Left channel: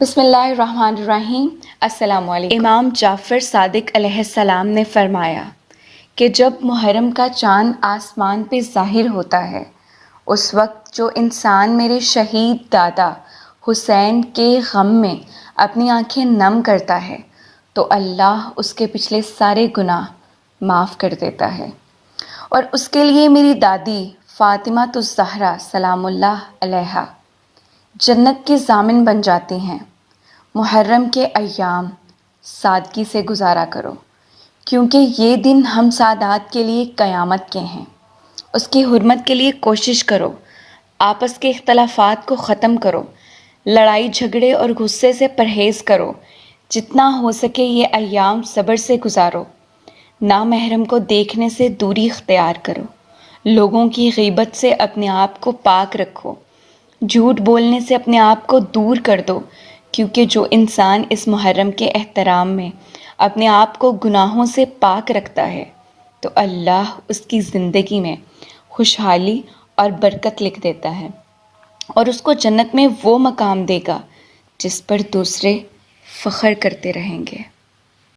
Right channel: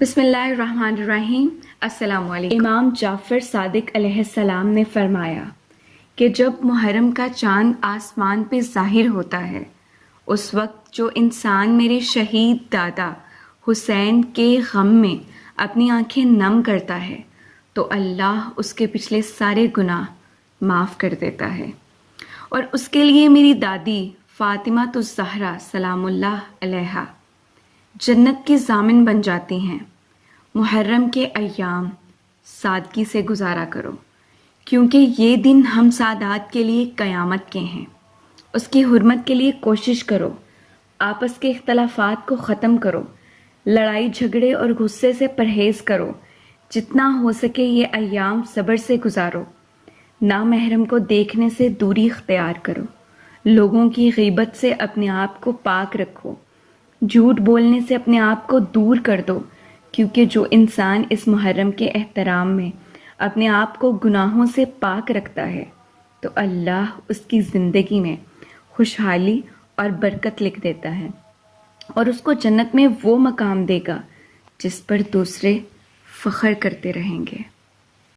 بسم اللہ الرحمن الرحیم۔ السلام علیکم۔ امام جعفر صادق علیہ السلام نے فرمایا کہ جب محرم کا چاند آسمان پہ ظاہر ہوتا ہے اس وقت جو انسان میرے شہید دادا حسین کے غم میں اپنی آنکھیں نم کرتا ہے تو اللہ اس کے پچھلے سارے گناہ معاف کر دیتا ہے، اور اس کے لیے میری دادی فاطمہ الزہرا سلام اللہ علیہا جنت کی ضامن بن جاتی ہیں۔ محرم کے ایام سادگی سے گزارا کرو، کیونکہ یہ دن ہم سادات کے لیے قیامت کے ہیں۔ اس کی حرمت کے لیے کوشش کرو، آپس کے اختلافات کو ختم کرو، لڑائی جھگڑے اور غصے سے پرہیز کرو، جتنا ہو سکے یہ ایام صبر سے گزارو، نامحرم کو دیکھنے سے دوری اختیار کرو، لوگوں کی غیبت سے اپنے آپ کو پاک رکھو، جھوٹ بولنے سے اپنے آپ کو دور کر دو، کیونکہ جو انسان اس محرم کے احترام میں اپنے آپ کو گناہوں سے پاک رکھتا ہے تو اللہ اس کی زندگی میں خوشحالی اور برکت لکھ دیتا ہے، اور اس کو جنت میں وہ مقام دے گا جس پر دوسرے فخر کرتے رہیں گے۔